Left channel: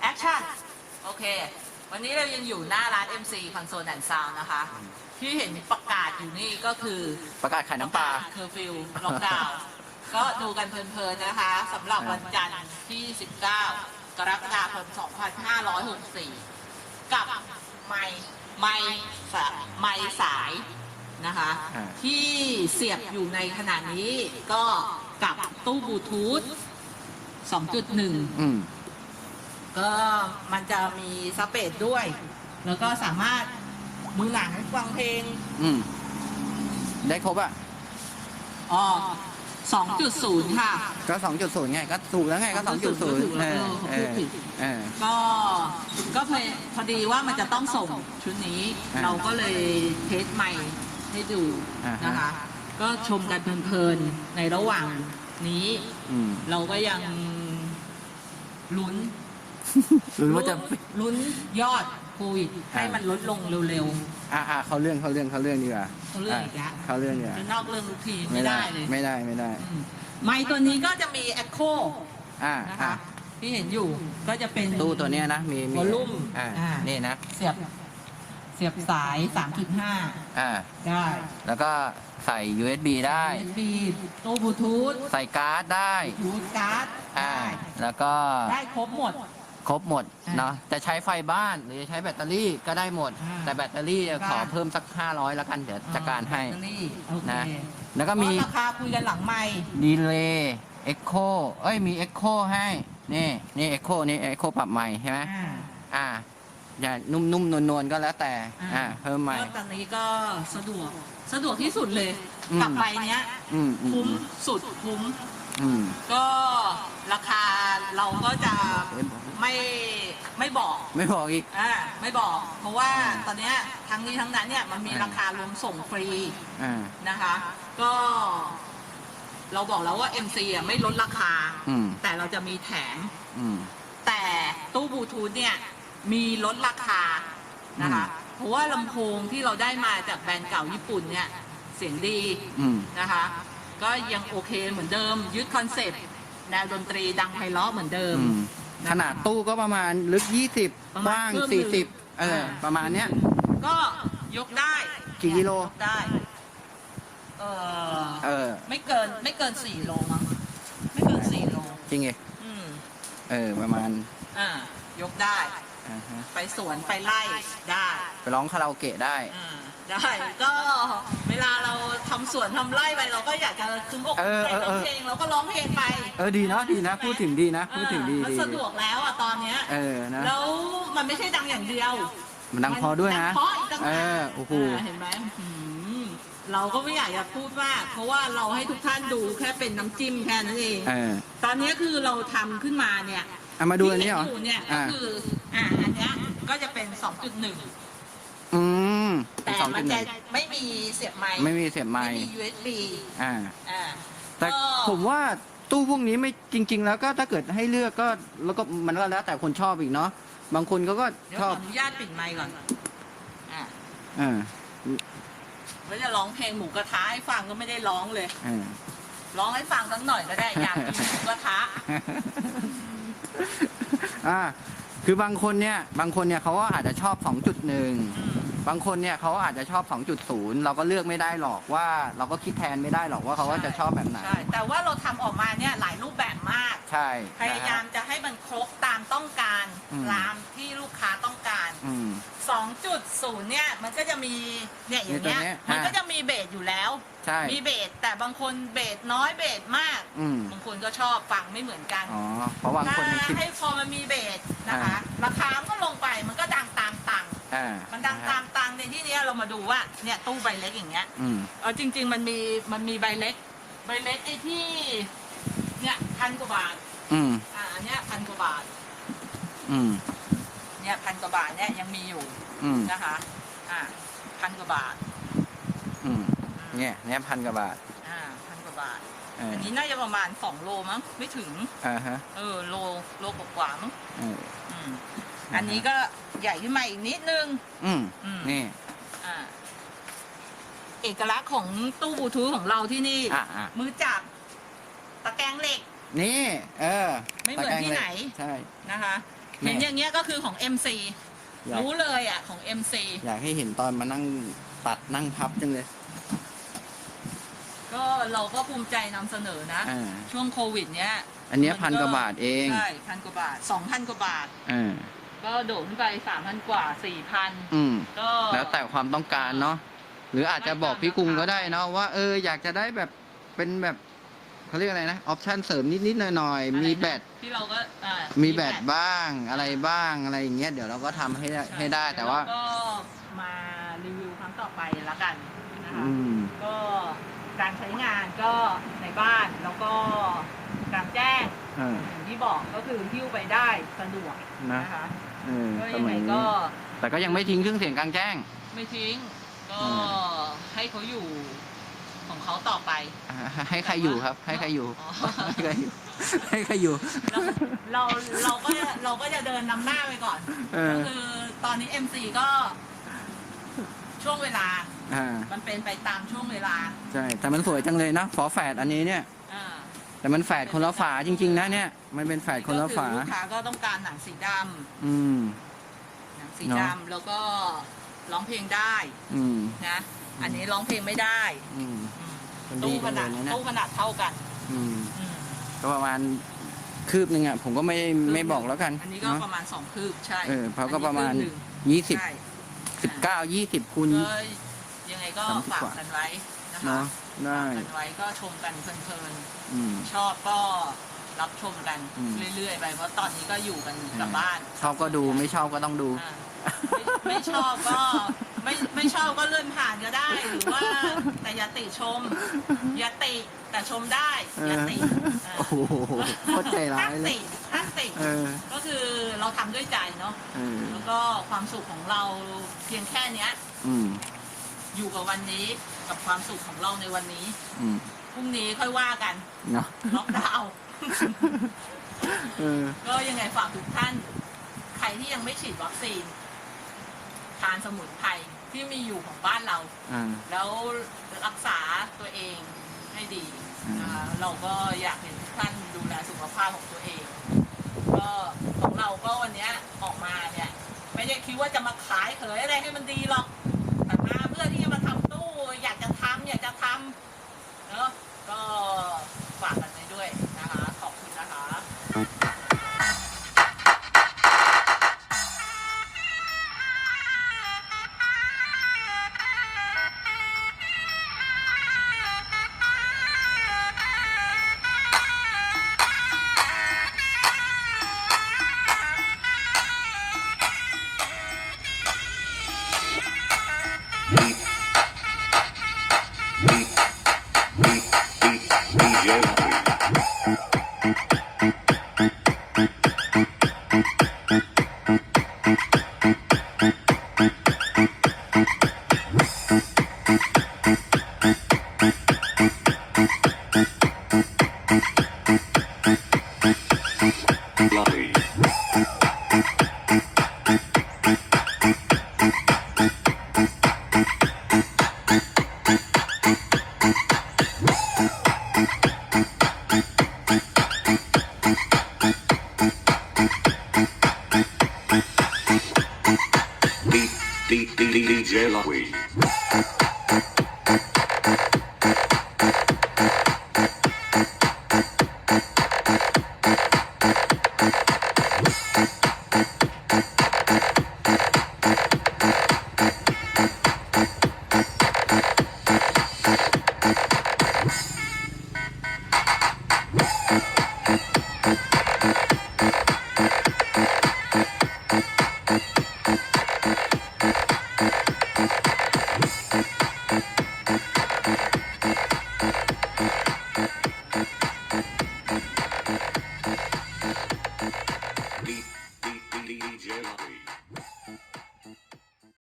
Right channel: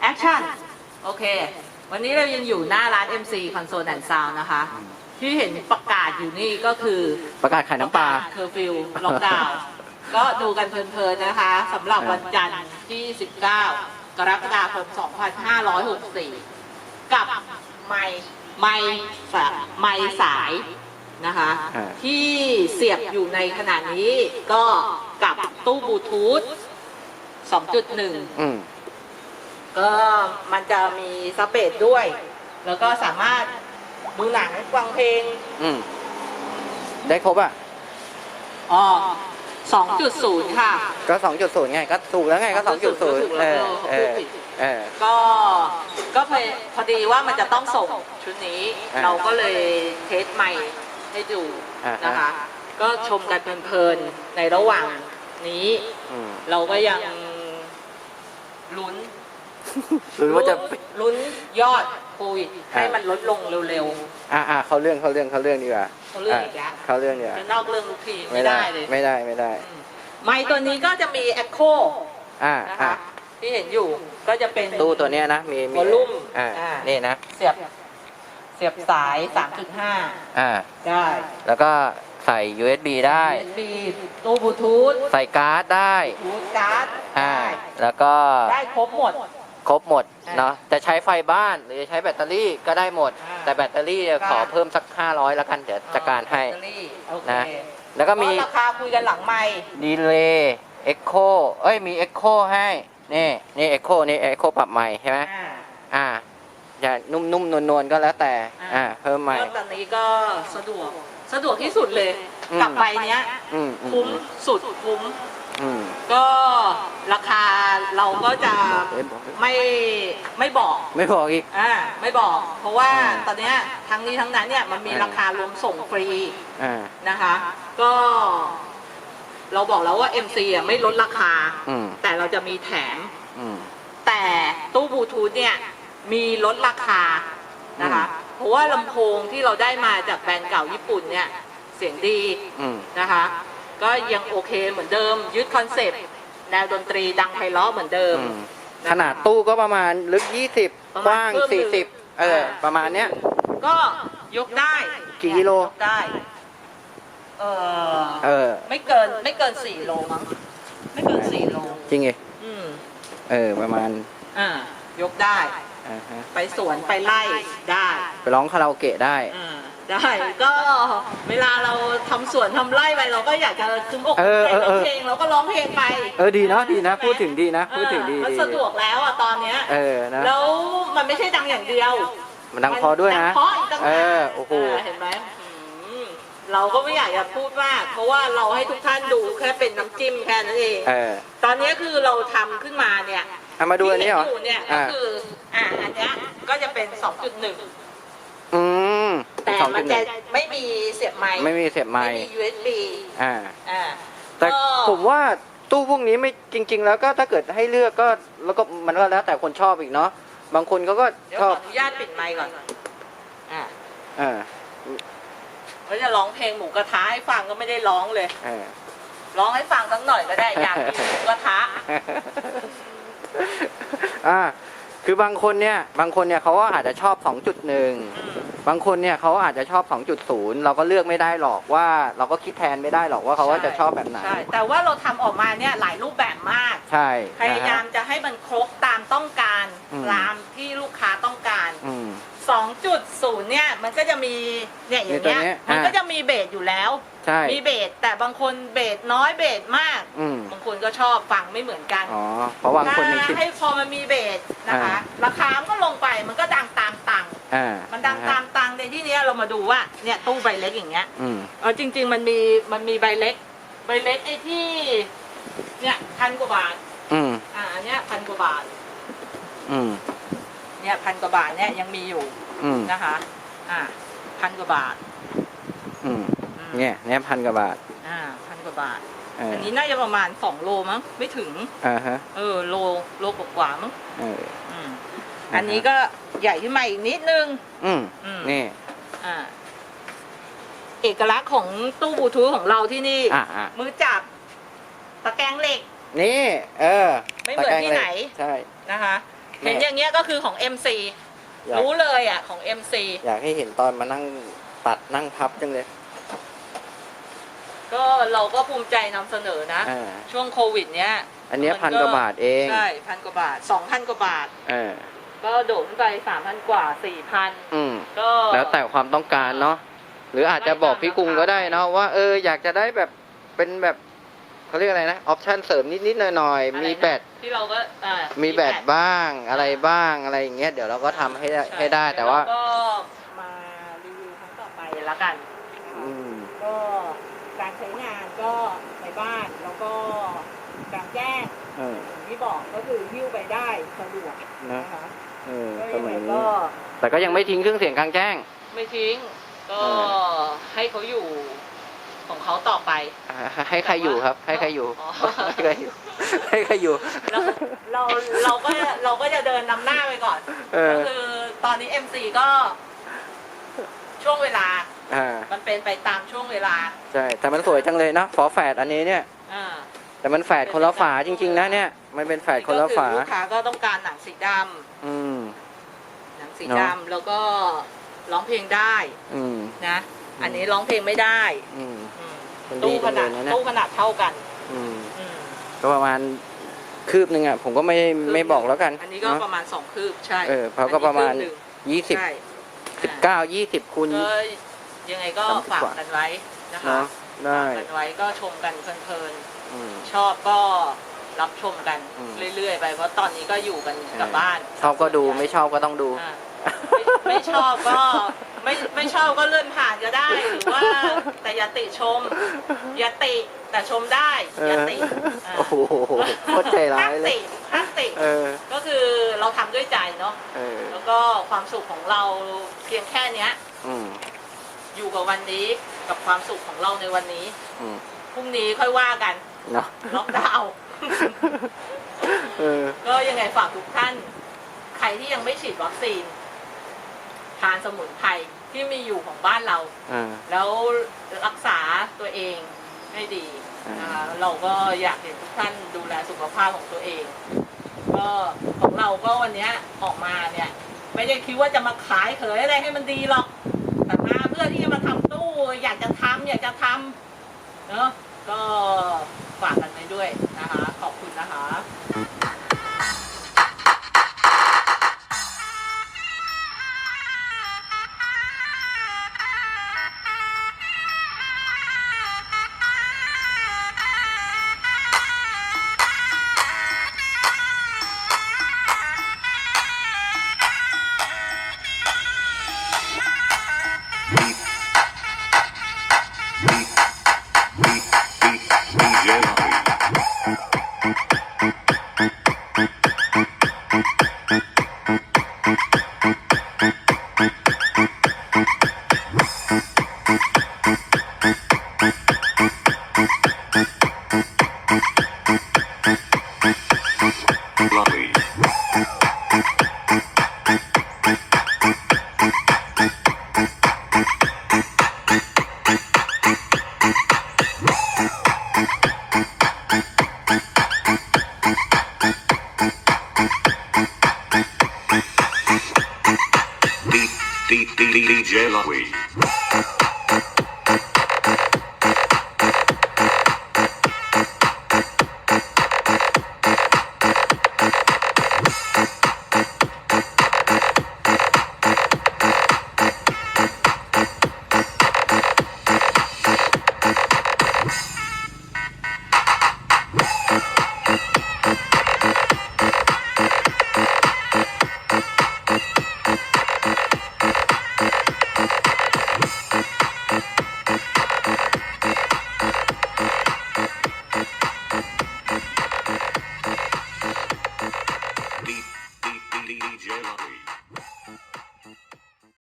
แอคชั่น โอเค วันนี้เรายังอยู่หน้าร้าน MC Console and Sound นะคะ ที่เห็นประกาศอยู่นี่ก็คือประกาศขายน้ำปลาเคอร์ฟิวล็อกดาวน์ก็ดูกันเพลินๆนะคะสำหรับวันจันทร์ที่ 19 กรกฎาคม 2564 กับไม้ไม้สาไม้สายนะคะอ่าที่เสียบอยู่ในขณะนี้ก็ กับตู้บลูทูธ2.1 อืม ก็มันจะมีสเปซด้วย แล้วก็สามารถดูหนังฟังเพลงอืม ได้ครบอะ อ๋อ2.0 ค่ะ ก็สองจุดศูนย์ไง ก็ถูกแล้วไงก็สองจุดศูนย์ถูกเอแล้วอเอเอออเขาพูดผิดเออ ก็ก็พอพอดีว่ามันจะต้องส่งชุดนี้ อ่าเราก็เลยเทสใหม่ให้ดูอ่าฮะ นะคะ ก็ชมกันเพลินๆในระหว่างนี้ อืมเราก็ยังลุ้นหรือว่าจะลุ้นยอดโควิดให้อ่ามัมันลดลงเร็วอ่าอ่าเขาเรื่องเขาเรื่องเขาเรื่องดีกว่าเขาเรื่องอีกแล้วเขาเรื่องดีกว่าๆจะนอกเรื่องทุกทีไม่ได้เลยไม่ได้ไม่ได้อืมไม้ตัวนี้ก็จะมีแอคโคอ่านะอ่าคะที่เห็นอยู่ก็จะเป็น ตู้ตัวเนี้ยนะมีมี Volume อ่าอ่า นี่นะเสียบ เสียบสาย 3.5 อ่า ได้ แล้วก็ ใส่ USB ได้ USB ตู้บลูทูธใส่การ์ดได้บลูทูธการ์ดอ่าได้แล้วก็ได้ครบหมด ครบหมดอ่าเนาะจะใช้ไฟบ้านหรือจะใช้แบตเตอรี่ก็ได้หมด อ่าแต่แบตเตอรี่เนี่ยขอได้เพิ่มสัก 500 แล้วกันเดี๋ยวจัดการให้ แบตเตอรี่โอเคนะ แล้วก็มีก็ราคาคุยกันหลังไม่ดีเลย์เอ็กโคเอ้ยมีเอ็กโคให้ นี่นี่เอ็กโคนี่เอ็กโคปรับใหม่ใช่ไหมอ่า อ่าอย่านุ่มๆนวลๆก็แล้วแต่อ่า อ่าเพิ่มใหม่ก็ตอนนี้ก็สะดวก สะดวกที่สุดเลย อืมกับใบเนี้ย อืมอืมคุ้มสุดคุ้ม อืม ก็ราคาเราก็จะเอ้ยบอกเลย ไม่ไม่บอก ไม่บอกอีก อ่าไม่บอก เพราะว่าอ่าตอนเนี้ยทั้งนี้ทั้งนั้นเนี่ยมันมีอ่า ราคารวมส่งฟรีอ่า นะคะ ก็ เราบอกแล้วว่า MC อะไม่ลดราคา อืม แต่เราจะมีแถม อืม แต่ตู้บลูทูธเนี่ย มีลดราคานะคะ เพราะว่าลำโพงที่เราได้มาจากแบรนด์เก่าญี่ปุ่นเนี่ยเสียงดีอืม นะคะ ก็ยังโอเคเหมือนเดิม ยึดคอนเซปต์แนวดนตรีดังไพเราะเหมือนเดิม อืมขนาดตู้ก็ประมาณลึก20ประกมาณว้าง ครึ่งหนึ่ง40 เออประมาณเนี้ย ก็ยกได้กี่กิโล ยกได้เออเออ ไม่เกินไม่เกินสี่โลมั้งไม่เกินสี่โลจริงไงอืมเออ ประมาณ อ่ายกได้อ่าฮะ ไปสวนไปไล่ได้ไปร้องคาราโอเกะได้อ่าได้ก็เวลาเราทำสวนทำไร่ไปเราก็อยากจะคึมอกเออใจเออเอร้องอเพลงเราก็ร้องเพลงไปเออดีนะดีนะ พูดถึงดีนะ พูดถึงดีเออมันดีสะดวกแล้วอะตอนเนี้ย เออนะ แล้วมันไม่ใช่ดังอย่างเดียว มันดังพอด้วยนะมัดังเพราะอีกต่างหากเออโอ้โหเเห็นไหมอืมเราก็ไม่อยากจะพูดมาก เพราะว่าเราให้ทุกท่านดูแค่เป็นน้ำจิ้มแค่นั้นเอง เออตอนนี้คือเราทำขึ้นมาเนี่ยเอามาดูอันนี้เหรอที่ห็ยู่เนี่ยก็อ่าคืออ่าอันเนี้ยก็จะเป็น 2.1 อืมแต่สองมัจุนดหจะนึ่งไม่มีเสียบไม้ไม่มีเสียบไม้ไม่มี USB อ่า อ่าแต่ก็ผมว่าตู้พวกนี้ไม่จริง ๆ แล้วก็ถ้าเกิดให้เลือกก็แล้วก็มันก็แล้วแต่คนชอบอีกเนาะ บางคนเขาก็เดี๋ยวชขออบอนุญาตปิดไมค์ก่อนอ่าอ่าแล้วจะร้องเพลงหมูกระทะให้ฟังก็ไม่ได้ร้องเลย อ่า ร้องให้ฟังสักหน่อยก็ได้อยากกินหมูกระทะ อ่าคือบางคนเนี่ย บางคนเนี่ยเขาก็อาจจะชอบ 2.1อืม บางคนเนี่ยเขาอาจจะชอบ 2.0 เราก็เลือกไม่ได้หรอกว่า เราก็คิดแทนไม่ได้หรอกว่าเขาว่าจะชอบแบบไหน ใช่แต่ว่าเราทำออกมาเนี่ยหลายรูปแบบมาก ใช่พยายามนะฮะ จะให้มันครบตามต้องการอืม ตามที่ลูกค้าต้องการ อืม 2.0 เนี่ยมันก็จะมีเนี่ยอย่างเงี้ยมีตัวเนี้ยมันอ่าก็จะมีเบสอยู่แล้ว ใช่ มีเบสแต่บางคนเบสน้อยเบสมาก อืม บางคนก็ชอบฟังไม่เหมือนกันอ๋อ เพราะบางคนมันคิด ถ้าให้พอมันมีเบสนะคะ อ่า ราคามันก็ลงไปมันก็ดังตามตังค์ อ่ามันดังะฮะตามตังค์ในที่เนี้ยเรามาดูว่าเนี่ยตู้ใบเล็กอย่างเงี้ยอืมเออจริง ๆ มันมีมันมีใบเล็ก ใบเล็กไอ้ที่ เนี่ยพันกว่าบาท อืมอ่าอันเนี้ยพันกว่าบาท อืมเนี่ยพันกว่าบาทเนี่ยยังมีอยู่อืมนะคะ อ่าพันกว่าบาทอืมอืมเนี่ยเนี่ยพันกว่าบาทอ่าพันกว่าบาท เอออันนี้น่าจะประมาณสองโลมั้งไม่ถึง อ่าฮะเออโลโลกว่าๆมั้งเอออืมนะฮะ อันนี้ก็ใหญ่ขึ้นมาอีกนิดนึง อืมอืม นี่ อ่าเอกลักษณ์ของตู้บลูทูธของเราที่นี่ อ่าอ่ามือจับ ตะแกรงเหล็ก นี่ เออไม่เหมือนที่ไหนตะแกรงเล็กใช่ นะคะ แม่ เห็นอย่างเงี้ยก็คือของ MC อยากรู้เลยอะของ MC อยากให้เห็นตอนมานั่งตัดนั่งพับจังเลย ก็เราก็ภูมิใจนำเสนอนะ อ่า ช่วงโควิดเนี้ยอันเนี้ยมันก็พันกว่าบาทเอง ใช่พันกว่าบาทสองพันกว่าบาท เออ ก็โดดขึ้นไปสามพันกว่าสี่พันอืม ก็แล้วแต่ความต้องการเนาะหรืออาจจะบอกพี่กรุงก็ได้เนาะว่าเอออยากจะได้แบบเป็นแบบเขาเรียกอะไรนะออปชั่นเสริมนิดๆหน่อยอะไรๆมีนะแบตที่เราก็อ่ามีแบตบ้างอะไรบ้างอะไรอย่างเงี้ยเดี๋ยวเราก็ทำให้ได้ใช่ให้ได้แต่ว่าเดี๋ยเรก็มารีวิวครั้งต่อไปละกันนะคะอืม ก็การใช้งานก็ในบ้านแล้วก็กลารแจ้ง เออ อย่างที่บอกก็คือหิ้วไปได้สะดวกนะนะคะเออก็สยังมัไงยนี้ ก็แต่ก็ยังไม่ทิ้งเครื่องเสียงกลางแจ้ง ไม่ทิ้ง ก็เอให้เขาอยู่ของเขาต่อไปให้ให้ใครอยู่ครับ ให้ใครอยู่ อ๋อ ให้ใครอยู่ ให้ใครอยู่ เราเราเราก็เราก็จะเดินนำหน้าไปก่อนเออ ก็คือตอนนี้ MC ก็ ช่วงเวลาอ่า มันเป็นไปตามช่วงเวลา ใช่ แต่มันสวยจังเลยเนาะฝอแฝดอันนี้เนี่ยอ่า แต่มันแฝดคนละฝาจริง ๆ นะเนี่ย มันเป็นแฝดคนละฝา ก็อลูกค้าก็ต้องการหนังสีดอืมำหนังสีเนอะดำแล้วก็ร้องเพลงได้อืม นะ อันนี้ร้องเพลงไม่ได้อืม อืมมันดีตู้ขจังเลนาดยนะเนี่ย ตู้ขนาดเท่ากันอืม อืมก็ประมาณคืบหนึ่งอะ ผมก็ไม่ไม่บอกแล้วกันอันนี้ก็เนาะ ประมาณสองคืบใช่เออเพราะก็ประมาณ อันนี้คืบหนึ่งยี่สิบ ใช่สิบเก้ายี่สิบคูณ ก็ยังไงก็สามสิบฝากกว่า กันไว้ นะคะเนาะได้ฝากกันไว้ก็ชมกันเพลินอืม ๆ ชอบก็รับชมกันอืม เรื่อยๆไปเพราะตอนนี้ก็อยู่กันกับบ้านชอบก็ดูไม่ชอบก็ต้องดู อ่าไม่ไม่ชอบก็ไม่ไม่ชอบก็เลื่อนผ่านก็ได้ หรือว่าแต่อย่าติชม อย่าติแต่ชมได้เออย่าอติาโอ้โหโคตรใจร้ายเลย ห้มติห้ามติเออ ก็คือเราทำด้วยใจเนาะ เออ แล้วก็ความสุขของเราเพียงแค่เนี้ย อืม อยู่กับวันนี้กับความสุขของเราในวันนี้อืมพรุ่งนี้ค่อยว่ากันเนาะล็อกดาวน์เออ ก็ยังไงฝากทุกท่าน ใครที่ยังไม่ฉีดวัคซีนทานสมุนไพรที่มีอยู่ของบ้านเราอ่าแล้วรักษาตัวเองให้ดีอืมนะคะเราก็อยากเห็นทุกท่านดูแลสุขภาพของตัวเอง ก็ของเราก็วันเนี้ยออกมาเนี่ย ไม่ได้คิดว่าจะมาขายเขยอะไรให้มันดีหรอก ตมาเพื่อที่จะมาทำตู้ อยากจะทำอยากจะทำเนอะก็ฝากกันไปด้วยนะคะ ขอบคุณนะคะ DJ Louie.